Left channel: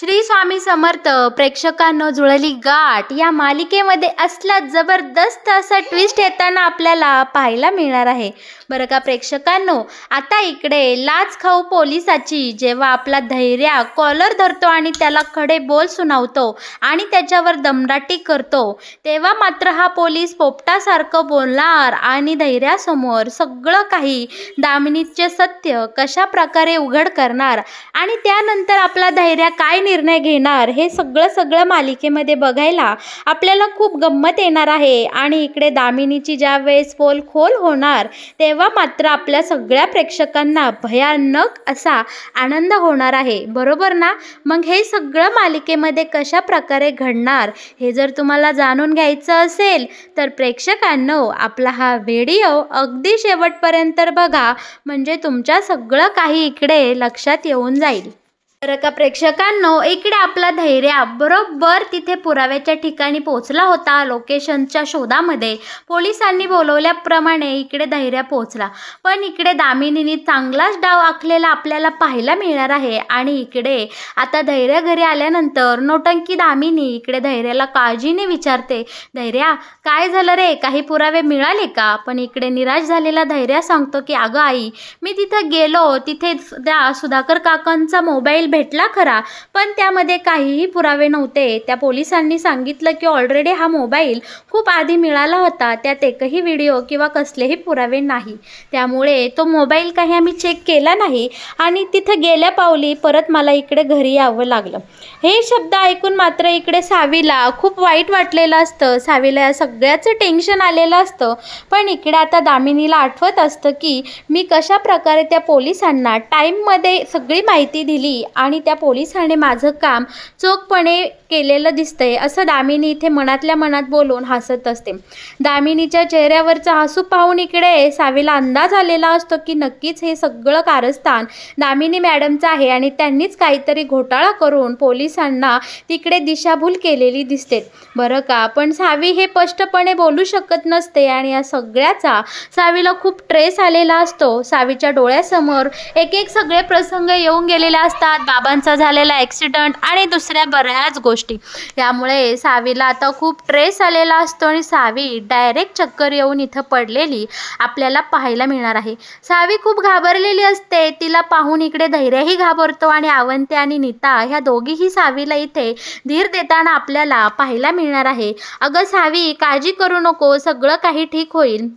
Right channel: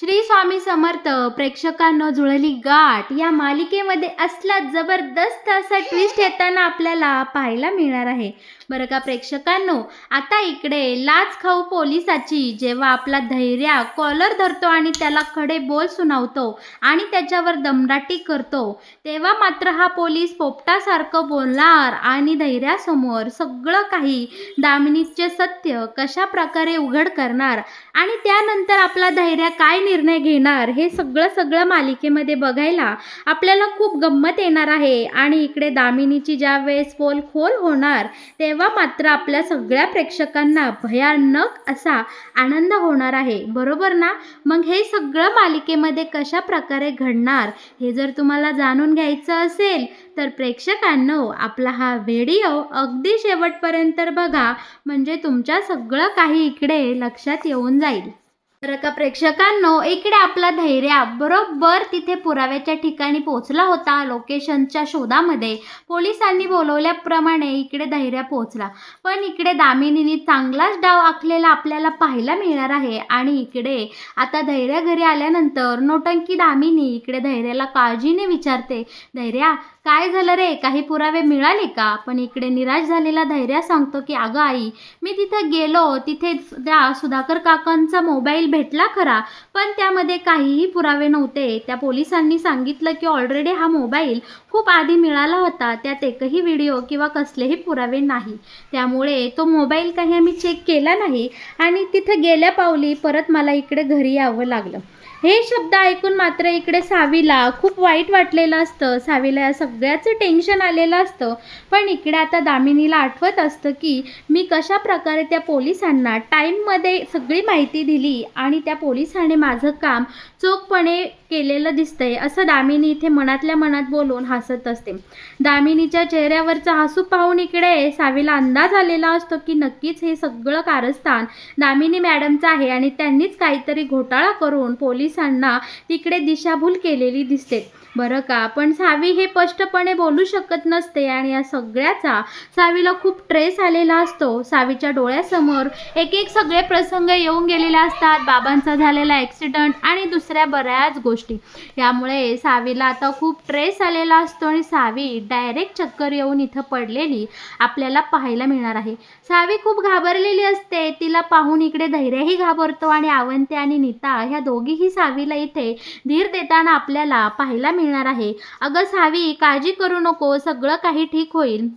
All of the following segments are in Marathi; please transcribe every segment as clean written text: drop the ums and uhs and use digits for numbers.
श्री स्वामी समर्थ. प्रेक्षकांनो, जुळली गाठ या मालिकेमध्ये असला जबरदस्त असा ट्विस्ट येताना आपल्याला पाहायला मिळणार आहे बरं का प्रेक्षकांनो. आता इकडे लाच खाऊ पोलिसाची जेव्हा आपला धैर्य कॉलर धरतो आणि त्याला खडे बोल सुनावतो आणि त्याच्यावर दमदाटी करतो, तेव्हा मात्र हा पोलीस पोपटासारखं बोलणार आणि धैर्यासमोर सगळं काही दामिनीचे सत्य कशा प्रकारे उघड करणार आणि त्यानंतर आपला धैर्य काय निर्णय घेणार हे सगळं मालिकेमध्ये बघायला आपल्याला खूप गंमत येणार आहे. आणि इकडे दामिनीची ज्या वेळेस पोल खोल होणार तेव्हा मात्र आपल्या सगळ्या प्रेक्षकांना भयानक असा आनंद होणार आहे, बरोबर ना. मग हे सगळं मालिकेमध्ये कशा प्रकारे घडणार हे जर तुम्हाला जाणून घ्यायचं असेल तर प्रेक्षकांनो, आपला हा व्हिडिओ अगदी शेवटपर्यंत बघा, म्हणजे तुमच्या सगळं काही इकडे लक्षात येऊन जाईल बरं का प्रेक्षकांनो. इकडे आपला धैर्य बरोबर तिथे पुराव्याच्या ठिकाणी पोहोचला होता. लोकेशनच्या शोधामध्ये पोलिसांनी बोलवल्याप्रमाणे इकडे धैर्य पोहोचला, पण इकडे दामिनीने चांगलाच डाव आखलेला आपल्याला पाहायला मिळणार आहे. आणि इकडे आता धैर्य घरी आल्यानंतर नोटंकी दामिनी इकडे धैर्याला काळजीने विचारते, धैर्या काय झालं रे, काही पुरावे मिळाले का. पण इकडे निराश झालेला धैर्य सांगतो की अगं आई, मी तिथं गेलो, तिथे त्या सुधाकर काकांचा मोबाईल भेटला खरा, पण त्यामध्ये काहीही पुरावे नव्हते. त्या पोलिसांनी सांगितलं की ऑलरेडी हा मोबाईल खूप आधी मिळाला होता, त्यात एकही व्हिडिओ किंवा कसलेही पुरावे नाही, त्यामुळे तो मोबाईल काही आम्ही चेक केला नाही आणि तिथं गेल्या पावली परत मला इकडे घरी यावं लागलं. हे शब्द ऐकून मात्र इकडे सावीला खूप वाईट वाटलेलं असतं. सावीला या सगळ्याचं टेन्शन आलेलं असतं. पण इकडे आता दामिनीला आठवत असतं की मी कशा प्रकारे त्या पोलिसांना टाईममध्ये सगळी माहिती दिली आणि त्या पोलिसाने माझं काम चोखपणे केलेलं दिसतंय, असं दामिनी इथे मनातल्या मनात बोलून हसत असते. दामिनीच्या चेहऱ्यावरचा हसू पाहून इकडे सावीला अंदाज आलेला असतो की नक्कीच हे सगळं कारस्थान दामिनी मॅडमचं आहे आणि त्यांनीच काहीतरी घोटाळा करून पोलिसांना तिकडे दिशाभूल केलेली दिसते बरं का. पण सावी हे स्पष्टपणे बोलू शकत नसते आणि या सगळ्याचा सावीला खूप ट्रेस आलेला असतो. सावीच्या डोळ्यासमोर एक एक सगळे प्रसंग येऊन गेलेले असतात, बाबांचा झालेला ॲक्सिडेंट आणि दुसऱ्या बऱ्याच गोष्टी. यामुळे सावीला आता खूप ट्रेस आलेला असतो आणि सावी डायरेक्ट चक्कर येऊन इथं पडलेली आपल्याला पाहायला मिळणार आहे. सावी खूप घाबरलेली असते. तिला पाहून इकडे धैर्यही घाबरतो आणि अवंती आणि नीता ह्या दोघीही सावीला इथे धीर देताना आपल्याला पाहायला मिळणार आहे. अगं सावी, काळजी करू नको, सगळं काही ठीक होईल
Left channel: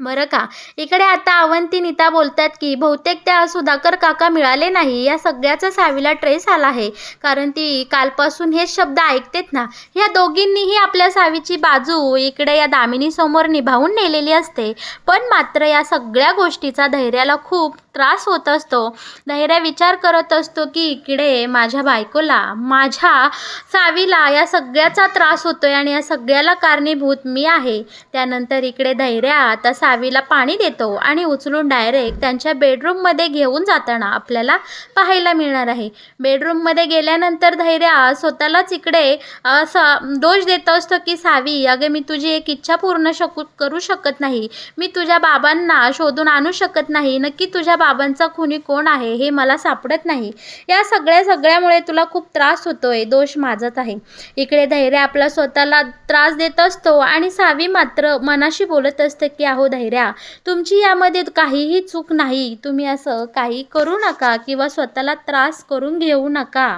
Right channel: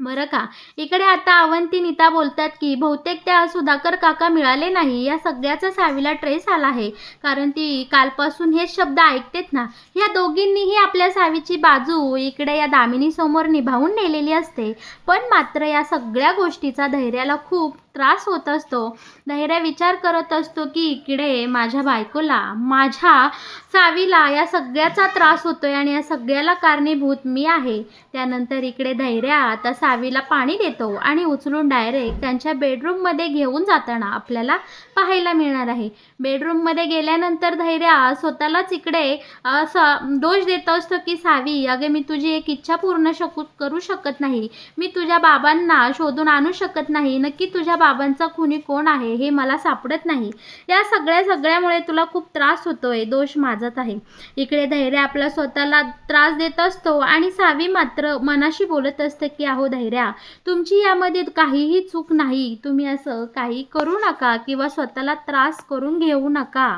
बरं का. इकडे आता अवंती नीता बोलतात की बहुतेक त्या सुधाकर काका मिळाले नाही. या सगळ्याचा सावीला ट्रेस आला आहे, कारण ती कालपासून हेच शब्द ऐकतेत ना. या दोघींनीही आपल्या सावीची बाजू इकडे या दामिनीसमोर निभावून नेलेली असते. पण मात्र या सगळ्या गोष्टीचा धैर्याला खूप त्रास होत असतो. धैर्य विचार करत असतो की इकडे माझ्या बायकोला, माझ्या सावीला या सगळ्याचा त्रास होतोय आणि या सगळ्याला कारणीभूत मी आहे. त्यानंतर इकडे धैर्य आता सावीला पाणी देतो आणि उचलून डायरेक्ट त्यांच्या बेडरूममध्ये घेऊन जाताना आपल्याला पाहायला मिळणार आहे. बेडरूममध्ये गेल्यानंतर धैर्य स्वतःलाच इकडे असा दोष देत असतो की सावी, अगं मी तुझी एक इच्छा पूर्ण करू शकत नाही. मी तुझ्या बाबांना शोधून आणू शकत नाही. नक्की तुझ्या बाबांचा खुनी कोण आहे हे मला सापडत नाही. या सगळ्यामुळे तुला खूप त्रास होतोय, दोष माझाच आहे. इकडे धैर्य आपला स्वतःला त्रास देत असतो आणि सावी मात्र मनाशी बोलत असते की अहो धैर्या, तुमची यामध्ये काहीही चूक नाही. तुम्ही असं काही करू नका किंवा स्वतःला त्रास करून घेऊ नका.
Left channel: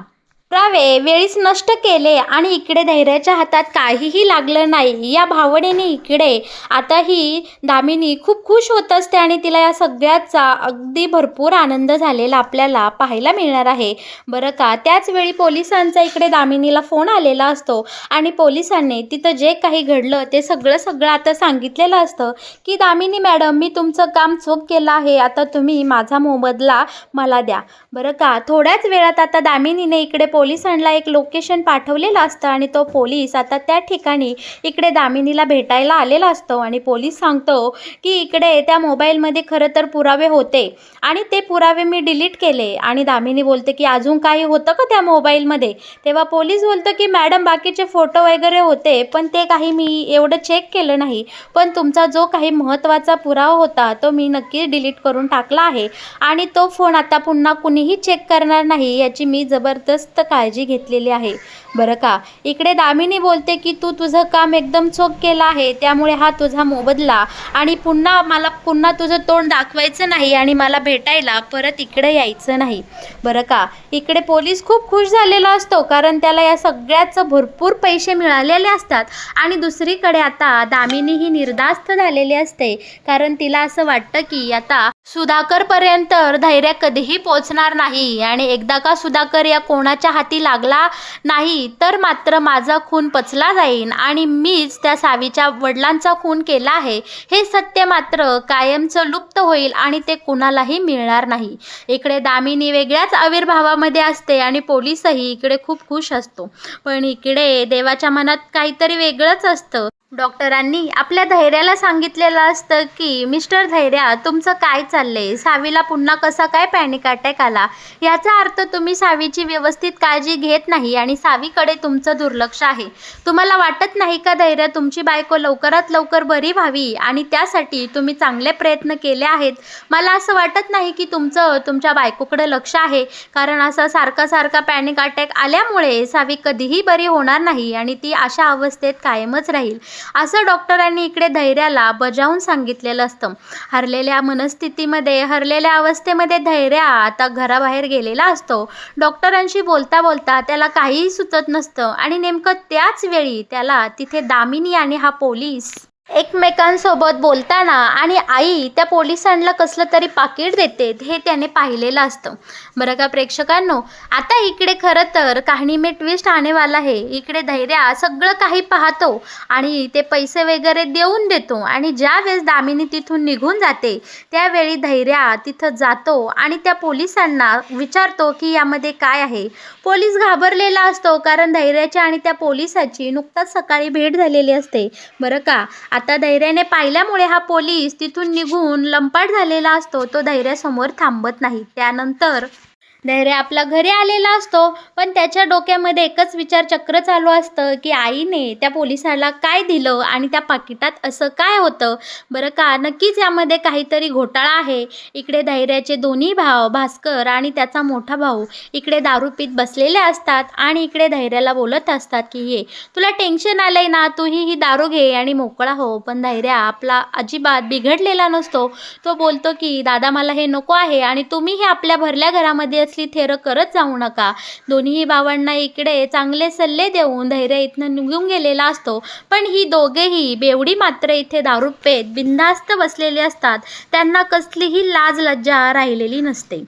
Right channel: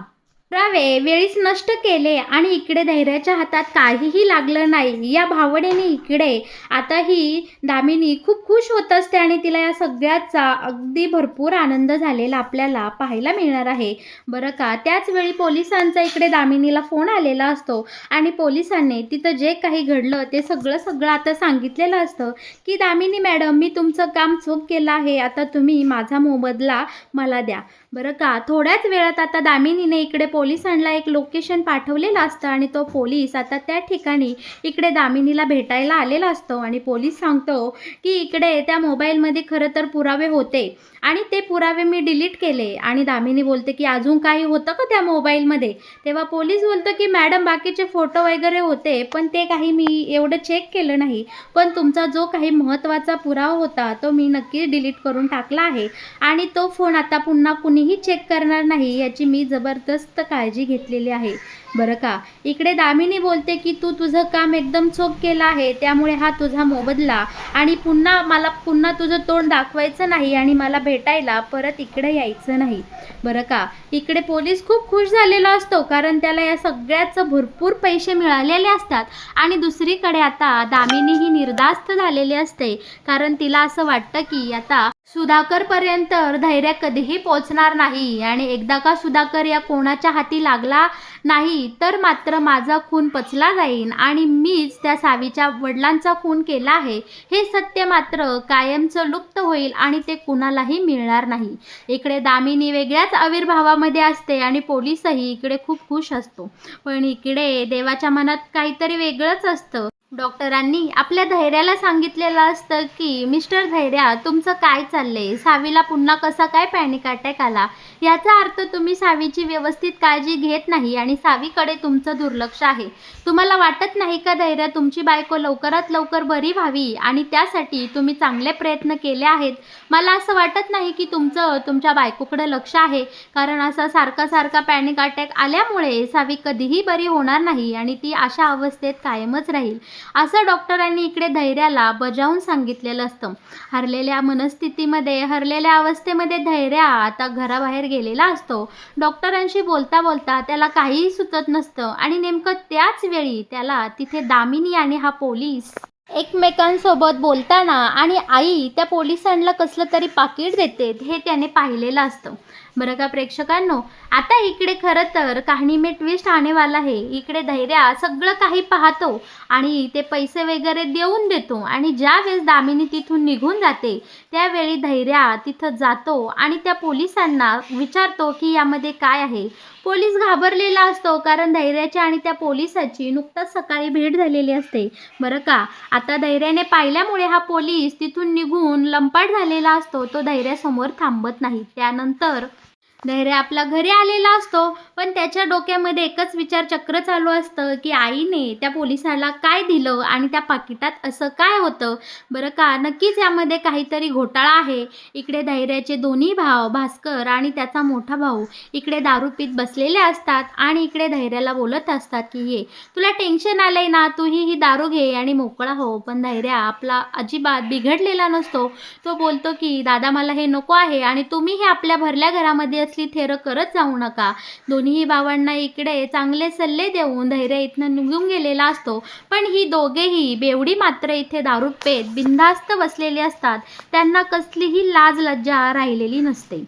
पुरावे वेळीच नष्ट केले आणि इकडे धैर्याच्या हातात काहीही लागलं नाही या भावनेने इकडे आता ही दामिनी खूप खुश होत असते आणि तिला या सगळ्याचा अगदी भरपूर आनंद झालेला आपल्याला पाहायला मिळणार आहे बरं का. त्याच वेळी पोलिसांचा इकडे दामिनीला फोन आलेला असतो आणि पोलिसांनी तिथं जे काही घडलं ते सगळं आता सांगितलेलं असतं की दामिनी मॅडम, मी तुमचं काम चोख केलं आहे, आता तुम्ही माझा मोबदला मला द्या बरं का. थोड्याच वेळात आता दामिनीने इकडे पोलिसांना एक लोकेशन पाठवलेलं असतं आणि तो पोलीस आता त्या ठिकाणी इकडे दामिनीला भेटायला आलेला असतो आणि पोलीस सांगतो की इकडे त्या मोबाईलमध्ये खरं तर पुरावे होते आणि ते पुरावे मी डिलीट केले. आणि दामिनी बोलते की अजून काही होतं का त्या मोबाईलमध्ये. तेव्हा पोलीस बोलतो की मॅडम, बाकीचे फोटो वगैरे होते पण ते काही मी एवढं चेक केलं नाही, पण तुमचा जो काही महत्त्वाचा पुरावा होता तो मी नक्कीच डिलीट करून टाकला आहे आणि तो फोन आता पुन्हा कुणीही चेक करणार नाही याची मी जबरदस्त काळजी घेतलेली आहे बरं का. इकडे दामिनी बोलते की तू तुझं काम एकदम चोख केलं आहे, त्यामुळे हा तुझा मोबदला, आणि मला पुन्हा तुझं तोंड दाखवायचं नाही आणि मला भेटायला परत इकडे यायचं नाही बरं का. इकडे पोलीस खूप खुश झालेला असतो, कारण त्याला या सगळ्याचं भरपूर पैसे मिळालेले असतात. आणि दुसरीकडे आता दामिनी ही निर्धास्त झालेली असते, कारण तिला असं वाटतं की आता सुधाकरपर्यंत धैर्य कधीही पोचणार नाही, आणि एकदा का सुधाकर या कोणाच्या हाती लागला नाही तर मात्र माझा खून पचला जाईल आणि मीच त्या सावीच्या वडिलांचा खून केला आहे हे सत्य मात्र कायमचं लुप्त होईल आणि ते कुणालाही मिळणार नाही. इकडे दामिनी वेगळ्याच आविर्भावामध्ये असते आणि पोलीसही इकडे खूप खुश असतो, पण इकडे देवाच्या मनात काहीतरी वेगळंच असतं. डॉक्टरांनी आपल्या धैर्याला सांगितलेलं असतं की मिस्टर धैर्या, तुमचं काय चाललंय, सावीला पुन्हा कसा काय पॅनिक अटॅक आला, याचा अर्थ तुम्ही सावीची व्यवस्थित काळजी घेत नाही आणि सावीकडे तुमचं दुर्लक्ष आहे. तुम्हाला वाटत नाही का धैर्या, तुमची बायको लवकरात लवकर बरी व्हावी आणि त्यासाठी तुम्ही चांगले प्रयत्न केले आहेत. मला असं वाटत नाही की तुमच्या बायकोकडे लक्ष आहे, कारण असा सारखा पॅनिक अटॅक आल्यामुळे सावी कधीही बरी होणार नाही आणि ती अशा अवस्थेत कायमच राहील, असं डॉक्टरांनी इकडे धैर्याला बजावून सांगितलेलं असतं. हरलेल्या अवस्थेमध्ये धैर्य आता घराबाहेर गेलेला असतो. डॉक्टरांशी बोलता बोलता त्याला काहीही सुचत नसतं आणि नेमकं त्याच वेळी त्याला तिथे दामिनी आणि हा पोलीस एकमेकांसोबत बोलताना आणि आई त्या पोलिसांना कसलं तरी पाकीट देते हे त्याने पाहिलेलं असतं बरं का. प्रेक्षकांनो, आता इकडे खरं तर कहाणी में ट्विस्ट आने वाला है. इकडे धैर्या सगळं काही पाहतो आणि ते पैसे वगैरे देऊन देतो, आणि ज्या वेळेस दामिनी तिथून निघून जाते त्यावेळी धैर्या तिथं जातो आणि त्या पोलिसांना विचारतो की यामध्ये काय आहे. पोलीस घाबरलेला असतो, कारण धैर्याची आणि त्या पोलिसाची नुकताच सकाळी भेट झालेली असते बरं का. आता धैर्याने पाहिल्यामुळे हा पोलीस तिथून निघून लंपाट झालेला असतो. तो धैर्यासमोर थांबत नाही. त्यानंतर धैर्य आपल्या घरी आलेला असतो, पण त्याच्या डोक्यामध्ये एकच विचारचक्र चालू असतं की आईने त्या पोलिसाला काय दिलं आणि त्या पाकिटात असं काय होतं बरं का. नक्कीच यामध्ये काहीतरी घोटाळा आहे. इकडे धैर्याचे दोन्ही भाव भास्कर आणि त्याचा मोठा भाऊ इकडे दारू पीत बसलेले असतात आणि इकडे धैर्याला बोलत असतात की ये, तुला टेन्शन आलंय ना, तूही ही दारू घे आणि मोकळा हो. पण धैर्य आपला अजिबात बिघडलेला नसतो. तो बोलतो की दादा, मला हे नको आहे आणि तुम्हीही आपल्या भरल्या घरामध्ये असली थेरं करत जाऊ नका. दोन्ही भावांना इकडे चांगले सल्ले देऊन धैर्य इथनं निघून गेलेला असतो, पण ही दोघेही बेवडी मात्र इथे दारू पेत बिनधास्त बसलेली असतात. त्यांना कसलीही लाज लज्जा राहिलेली नसते.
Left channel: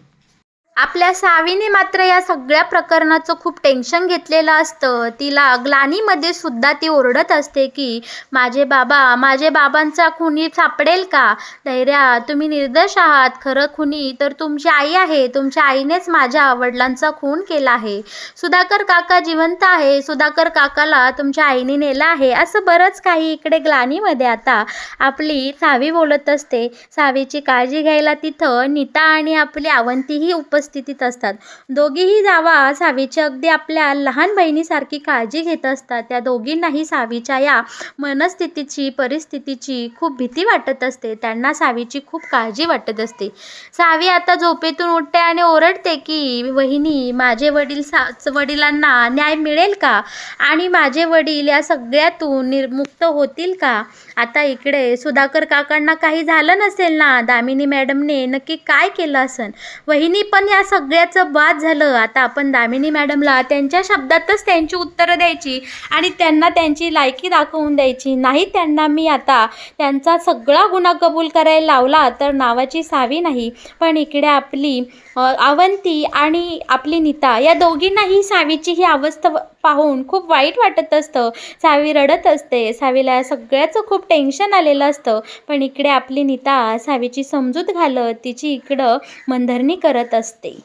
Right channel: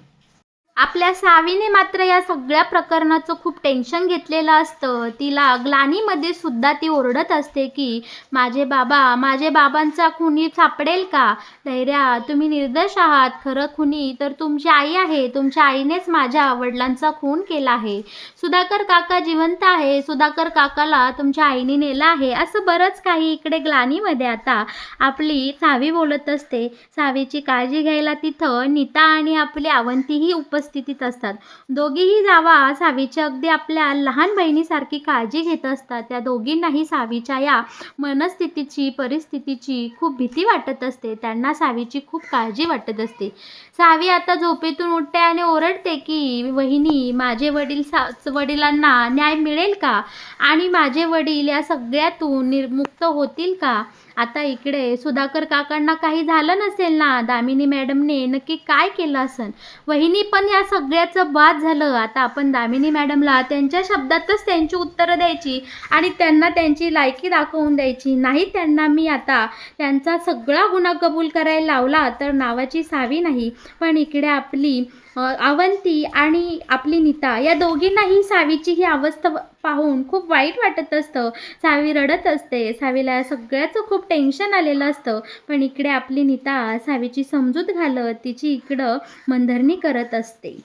आपल्या सावीने मात्र या सगळ्या प्रकरणाचं खूप टेन्शन घेतलेलं असतं. तिला ग्लानीमध्ये सुद्धा ती ओरडत असते की माझे बाबांचा खुनी सापडेल का. धैर्या, तुम्ही निर्दोष आहात. खरं खुनी तर तुमची आई आहे. तुमच्या आईनेच माझ्या वडिलांचा खून केला आहे. सुधाकर काका जिवंत आहे. सुधाकर काकाला तुमच्या आईने नेलं आहे. असं बरंच काही इकडे ग्लानीमध्ये आता आपली सावी बोलत असते. सावीची काळजी घ्यायला तिथं नीता आणि आपली अवंतीही उपस्थितीत असतात. दोघीही जावा सावीची अगदी आपल्या लहान बहिणीसारखी काळजी घेत असतात. त्या दोघींनाही सावीच्या या परिस्थितीची खूप भीती वाटत असते. त्यांना सावीची खूप काळजी वाटत असते. सावी आता झोपेतून उठते आणि ओरडते की वहिनी, माझे वडिलांना न्याय मिळेल का आणि माझे वडील या सगळ्यातून मुक्त होतील का. आता इकडे सुधाकर काकांना काही झालं नसेल ना. दामिनी मॅडमने नक्की काय केलं असेल. वहिनी, पण या सगळ्याचं बाद झालं. आता आपण दामिनी मॅडमला त्यांच्या शब्दातच त्यांची उत्तरं द्यायची आणि त्यांना त्यांची लायकी दाखवून द्यायची. नाही त्यांना मी आता त्यांचा सगळा गुन्हा कबूल करायला लावला तर नावाची सावी नाही, पण इकडे आपली अवंती आणि आपली नीता या दोघींनाही सावीची ही अवस्था पाहून खूप वाईट वाटत असतं. सावी रडत असते. सावीला या सगळ्याचं खूप टेन्शन आलेलं असतं, पण इकडे आपली नीता सावीची समजूत घालत तिची इकडं मनधरणी करत असते.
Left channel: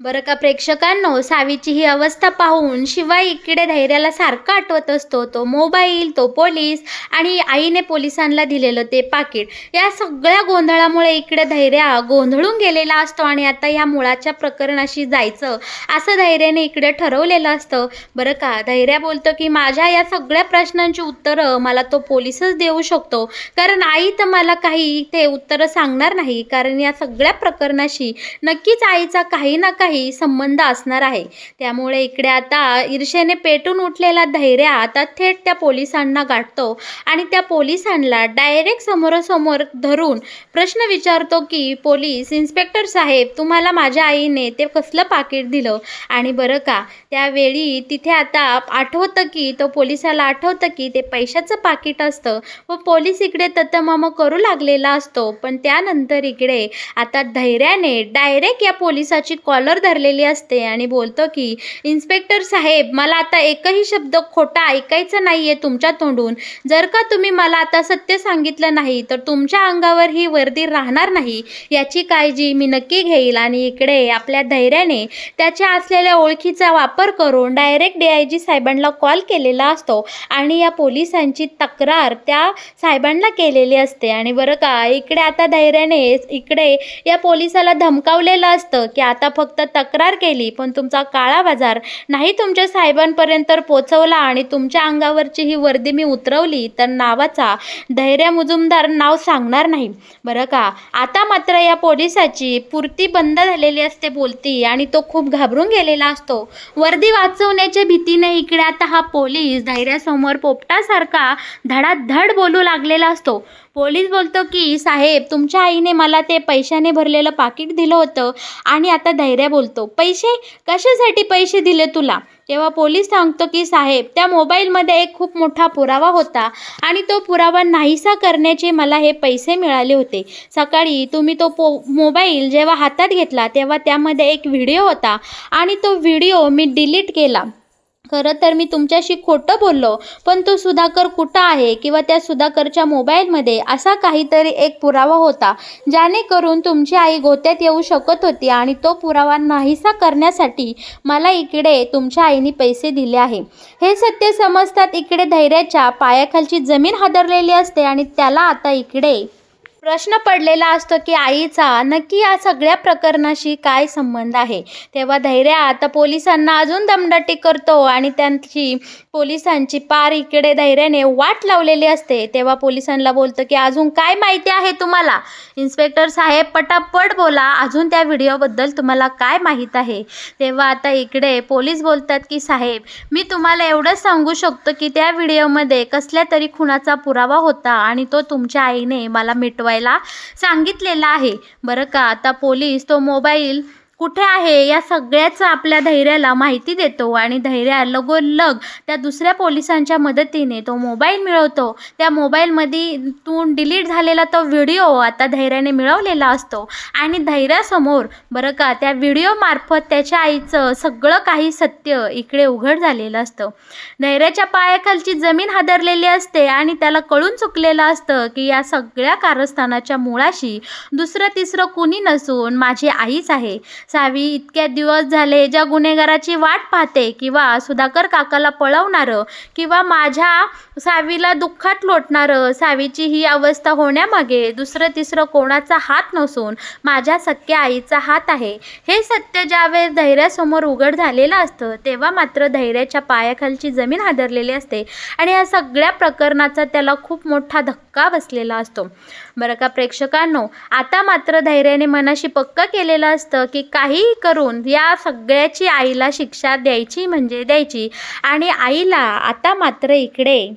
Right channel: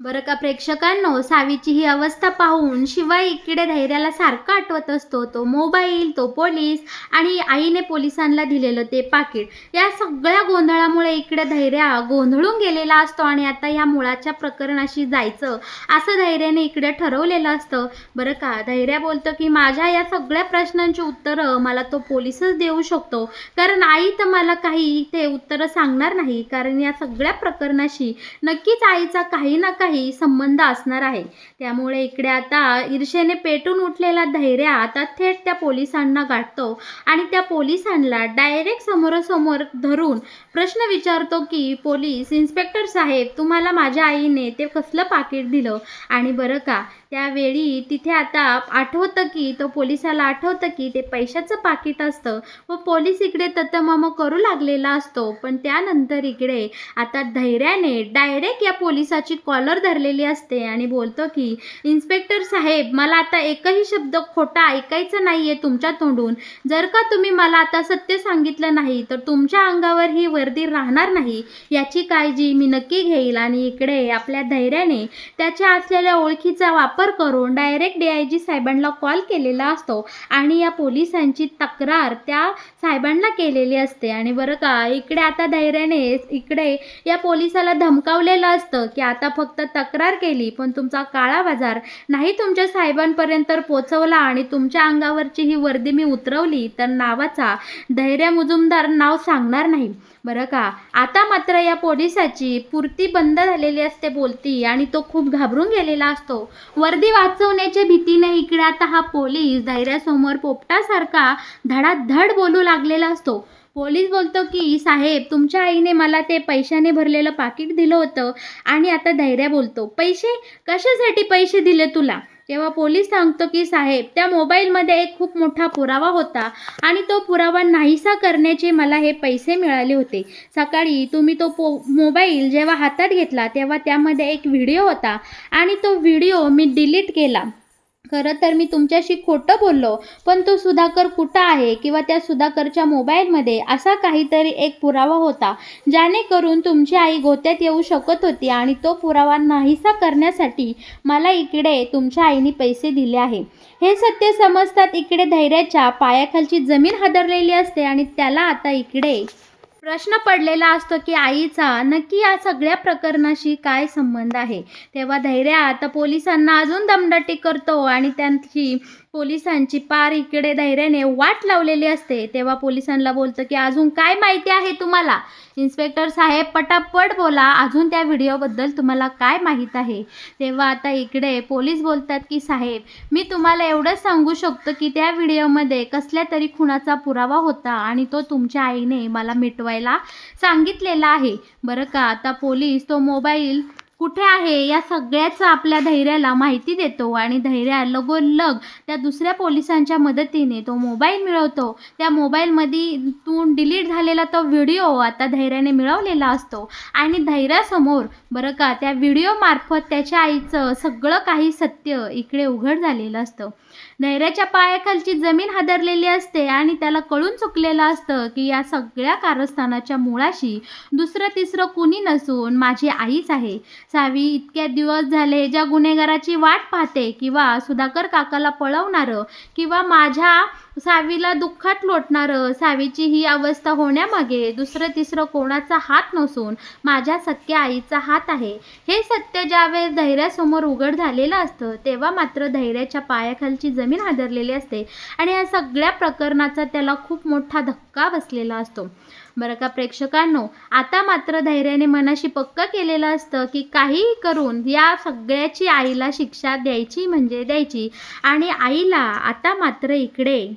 बरं का प्रेक्षकांनो, सावीची ही अवस्था पाहून शिवाय इकडे धैर्याला सारखं आठवत असतो तो मोबाईल, तो पोलीस आणि आईने पोलिसांना दिलेलं ते पाकीट. या सगळ्या गोंधळामुळे इकडे धैर्या गोंधळून गेलेला असतो आणि आता या मुळाच्या प्रकरणाशी जायचं असं धैर्याने इकडे ठरवलेलं असतं. बरं का, धैर्या बोलतो की माझ्या या सगळ्या प्रश्नांची उत्तरं मला तो पोलीसच देऊ शकतो, कारण आई तर मला काही ते उत्तरं सांगणार नाही, कारण या सगळ्या प्रकरणाशी नक्कीच आईचा काही ना काही काही संबंध असणार आहे. त्यामुळे इकडे आता ईर्षेने पेटून उठलेला धैर्य आता थेट त्या पोलिसांना गाठतो आणि त्या पोलिसांना डायरेक्ट समोरासमोर धरून प्रश्न विचारतो की पोलीस इन्स्पेक्टर साहेब, तुम्हाला माझ्या आईने ते कसलं पाकीट दिलं? आणि बरं का, त्यावेळी तिथे आता आठवतं की तो पोलिसाला आठवतं की ते पैशाचं पाकीट असतं व पोलीस इकडे ततमम करू लागलेला असतो. पण त्यानंतर इकडे आता धैर्याने डायरेक्ट या पोलिसाची कॉलर धरलेली असते आणि बोलतो की इन्स्पेक्टर साहेब, मला आता एकही शब्द खोटा ऐकायचा नाही आहे तुमच्या तोंडून. जर का तुम्ही मला आता सत्य सांगितलं नाही तर तुमच्या अंगावर ही वर्दी राहणार नाही, याची काळजी मी नक्की घेईल. आणि इकडे आपल्या धैर्याने त्याच्या असलेल्या ओळखीचा वापर करून डायरेक्ट DIG साहेबांना कॉल केलेला असतो आणि या पोलिसांची तक्रार त्या साहेबांना केलेली असते. आणि बरं का, इकडे आता धैर्याने इकडे या पोलिसाला धमकावलेलं असतं की आता फक्त तक्रार केली पण तुमचा काळा बाजार नाही तुमच्या साहेबांपर्यंत पोचवला आणि तुमच्या अंगावरची ही वर्दी मी उतरवली तर नावाचा धैर्य मुजुमदार नाव सांगणार नाही. बरं का, आता मात्र या पोलिसाची पुरती बंद झालेली असते बोलती आणि तो खूप घाबरून गेलेला असतो. वर्दी वाचवण्याच्या भीतीने इकडे आता हा पोलीस धैर्यासमोर पोपटासारखा धडाधड बोलू लागलेला असतो. पोलीस बोलतो की साहेब, तुमच्या आईने मला ते पैशाने भरलेलं पाकीट दिलं होतं. आणि आता धैर्य बोलतो, पैसे? कशासाठी पैसे दिले तुला? तेव्हा पोलीस सांगतो की साहेब, त्या मोबाईलमध्ये एक खूप मोठा पुरावा होता आणि तो पुरावा नाहीसा करण्याचे मला हे पैसे मिळाले होते. सकाळी तुम्ही तो मोबाईल जेव्हा हातात घेतला तेव्हा त्यामध्ये एक व्हिडिओ होता आणि तो व्हिडिओ मी डिलीट केला. खरं तर मी तुमच्याशी खोटं बोललो, पण तो सुधाकर कुठं आहे किंवा त्या सुधाकरच्या मोबाईलमध्ये असा काहीतरी एक पुरावा होता जेणेकरून तुमची आई गोत्यात येऊ शकत होती आणि तो पुरावा नाहीसा करण्यासाठी मला इकडे तुमच्या आईने पैसे दिले आहे. हे सत्य समजतात इकडे धैर्याच्या पायाखालची जमीन हादरलेली असते आणि त्याला आता इकडे प्रश्न पडलेला असतो की आईचा नक्की या सगळ्या प्रकरणाशी काय संबंध आहे. तेव्हा धैर्य आता पोलिसांना अजून दमदाटी करतो आणि त्यांची पोलिसांची पार इकडे धैर्याने वाट लावलेली असते. तेव्हा पोलिसांना बोलतं की अजून काय माहिती आहे तुम्हाला? इन्स्पेक्टर साहेब, पटापट बोला, अजून त्या व्हिडिओबद्दल तुम्हाला काय माहीत आहे? तेव्हा आता इकडे पोलीस बोलतात की साहेब, मी तुम्हाला एवढंच सांगू शकतो की त्या व्हिडिओमध्ये कसल्या तरी खुनाचा पुरावा होता आणि तो तुमच्या आईने मला मिटवायला सांगितलेला आहे. बरं का, आता पोलीस तो मोबाईल कुठे आहे या सगळ्याचं आपल्या धैर्याला माहिती देतो आणि धैर्य लगोलग त्या दुसऱ्या पोलिसांच्या मदतीने तो मोबाईल मिळवतो. त्या मोबाईलमधून डिलीट झालेला तो व्हिडिओ आता धैर्याने मिळवलेला असतो आणि धैर्यासमोर बरं का त्या व्हिडिओमार्फत त्याच्या आईचं सगळं काही सत्य इकडे उघड झालेलं असतं. धैर्याच्या पायाखालची जमीन हादरलेली असते आणि त्याला कळून चुकलेलं असतं की या सगळ्या कारस्थानाच्या मुळाशी दुसरं तिसरं कुणी नसून माझी आईच आहे. सावी इतक्या दिवस झाले ज्या गुन्हेगाराची वाट पाहते किंवा सुधाकर काकाला पळवणारं किंवा माझ्या सावीला दुःखात लोटणारं, सावीची ही अवस्था होण्यामागे दुसरं तिसरं कोणाचा हात नसून माझ्या सख्या आईचा हात आहे. हे सत्य ज्यावेळेस धैर्यासमोर उघड झालेलं असतं तेव्हा मात्र धैर्याच्या पायाखालची जमीन हादरलेली असते आणि या सगळ्या प्रकरणाचा त्याला खूप मोठा धक्का बसलेला असतो. बरं का प्रेक्षकांनो, आता मात्र धैर्याने मनाशी पक्क केलेलं असतं की काहीही करून या सगळ्याची आईला शिक्षा द्यायची म्हणजे द्यायची. आणि आईला आता मात्र इकडे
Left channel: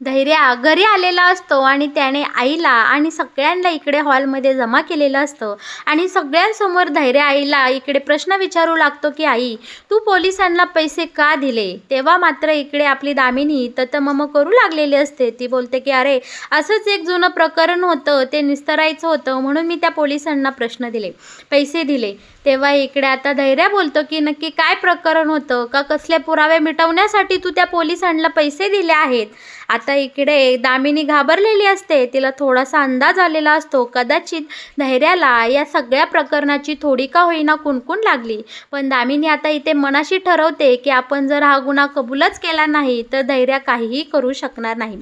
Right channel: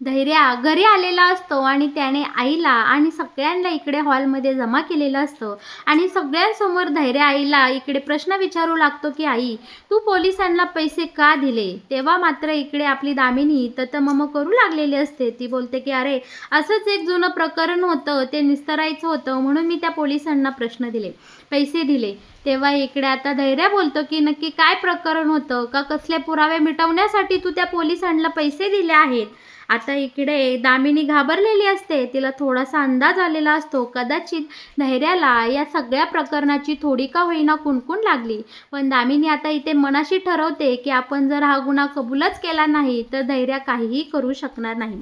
धैर्य घरी आलेला असतो आणि त्याने आईला आणि सगळ्यांना इकडे हॉलमध्ये जमा केलेलं असतं आणि सगळ्यांसमोर धैर्य आईला इकडे प्रश्न विचारू लागतो की आई, तू पोलिसांना पैसे का दिले? तेव्हा मात्र इकडे आपली दामिनी ततमम करू लागलेली असते. ती बोलते की अरे, असंच एक जुनं प्रकरण होतं, ते निस्तरायचं होतं म्हणून मी त्या पोलिसांना प्रश्न दिले, पैसे दिले. तेव्हा इकडे आता धैर्य बोलतो की नक्की काय प्रकरण होतं, का कसले पुरावे मिटवण्यासाठी तू त्या पोलिसांना पैसे दिले आहेत? आता इकडे दामिनी घाबरलेली असते. तिला थोडासा अंदाज आलेला असतो कदाचित धैर्याला या सगळ्या प्रकरणाची थोडी का होईना कुणकुण लागली. पण दामिनी आता इथे मनाशी ठरवते की आपण जर हा गुन्हा कबूलच केला नाही तर धैर्य काहीही करू शकणार नाही.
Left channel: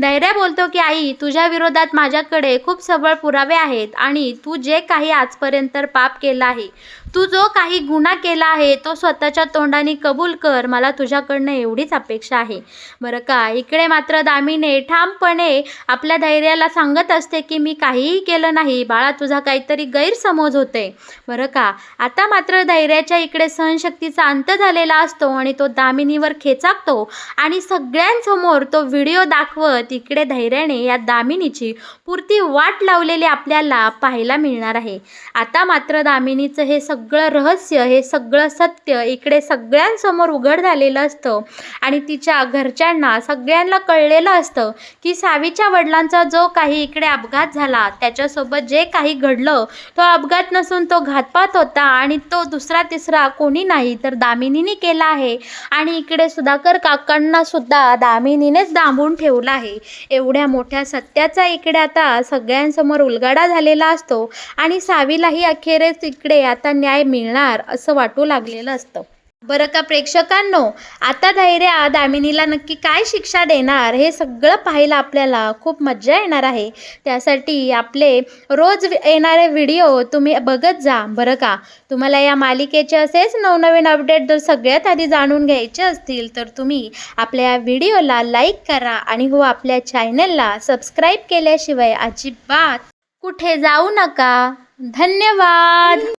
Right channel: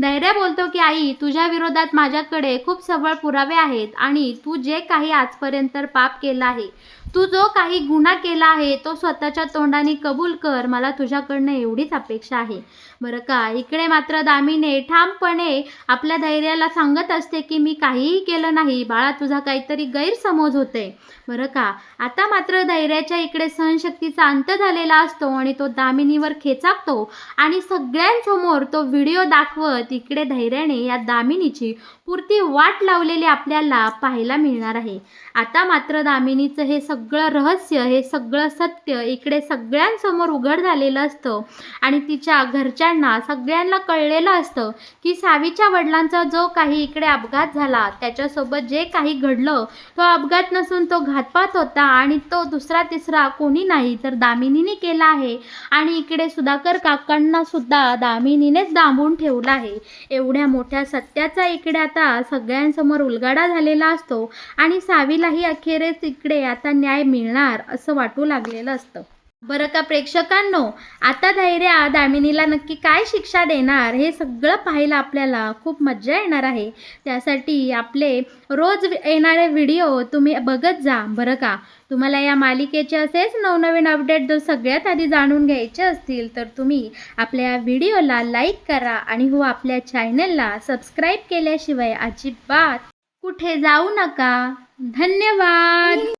धैर्य बोलतो की आई, तुझ्या विरोधात माझ्याकडे खूप सबळ पुरावे आहेत आणि तू जे काही आजपर्यंत पाप केलं आहे, तू जो काही गुन्हा केला आहे तो स्वतःच्या तोंडाने कबूल कर, मला तुझ्याकडनं एवढीच अपेक्षा आहे. बरं का, इकडे मात्र दामिनी ठामपणे आपल्या धैर्याला सांगत असते की मी काहीही केलं नाही बाळा, तुझा काहीतरी गैरसमज होते. बरं का, आता मात्र धैर्याच्या इकडे सहनशक्तीचा अंत झालेला असतो आणि तो दामिनीवर खेचाकतो आणि सगळ्यांसमोर तो व्हिडिओ दाखवत इकडे धैर्याने या दामिनीची पुरती वाट लावलेली आपल्याला पाहायला मिळणार आहे. आता मात्र दामिनीचं हे सगळं रहस्य, हे सगळं सत्य इकडे सगळ्यांसमोर उघड झालेलं असतं आणि तिच्या घरच्यांना सगळ्यांना कळलेलं असतं की सावीच्या वडिलांचा जो काही इकडे अपघात झाला, त्याच्यासोबत जे काही घडलं तो अपघात नसून तो घातपात होता आणि तो दुसरा तिसरा कोणी नाही तर दामिनीने केला आहे. आणि इकडे सुधाकर काकांना सुद्धा दामिनीनेच डांबून ठेवलं आहे. एवढ्या मोठ्या सत्याचा इकडे आता सगळ्यांसमोर उलगडा झालेला असतो आणि सावीलाही अखेरीस इकडे आता न्याय मिळणार असं वाटू लागलेलं असतं. बरं का प्रेक्षकांनो, आता धैर्या दामिनीला नक्की काय शिक्षा देणार हे सगळं पाहायला आपल्याला खूप मज्जा येणार आहे. त्यासाठी आपले रोज येणारे व्हिडिओ तुम्ही बघत जा. बरं का, तुम्हाला या मालिकेचे असेच नवनवीन अपडेट जर सगळ्यात आधी जाणून घ्यायचे असतील तर तुम्ही आपल्या या व्हिडिओला लाईक करा आणि हो आपल्या चॅनलला सबस्क्राईब केल्याशिवाय अजिबात कुठे जाऊ नका. धन्यवाद.